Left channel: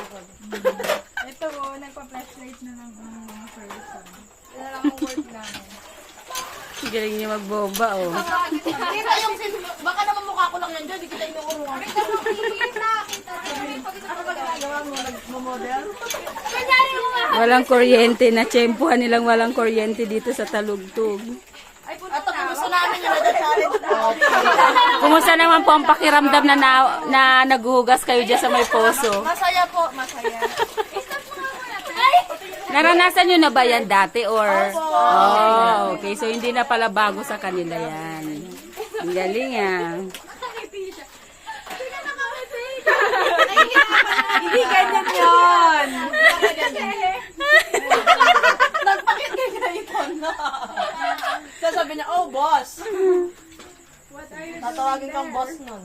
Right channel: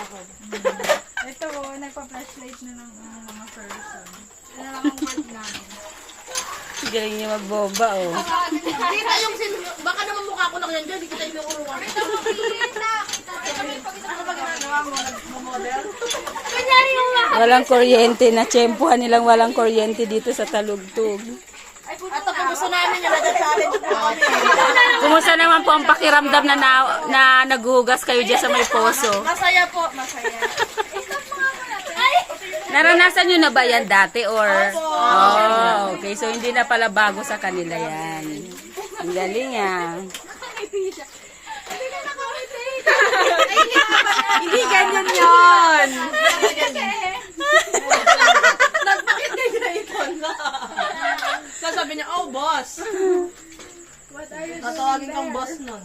ako. Ito nagpa-flashlight na ng mga person. Ito lang ang work namin. Galing niya magbomba, oh. Kita yung baka naman mukha ko lang yan dyan, di kita inuurungan. Kita. Ano ba ginagawa mo? Nag-model? Walang kuryente. Natsyempuhan nilang walang kuryente dito sa Talugtog. Ito po gusto namin yung nag-challenge na. Kumusta naman po ang pakiramdam na naghuhugas kayo dyan sa may poso? Masaya po, masaya. Naranasan nyo na ba yan dati or? Oh, okay. So hindi na pala bago sa kanila yan. Ang galing ah. Hindi ganyan yun! Nagpakit niya ganito na. So sabi niya, oh boss. Tatawagin kang boss nun.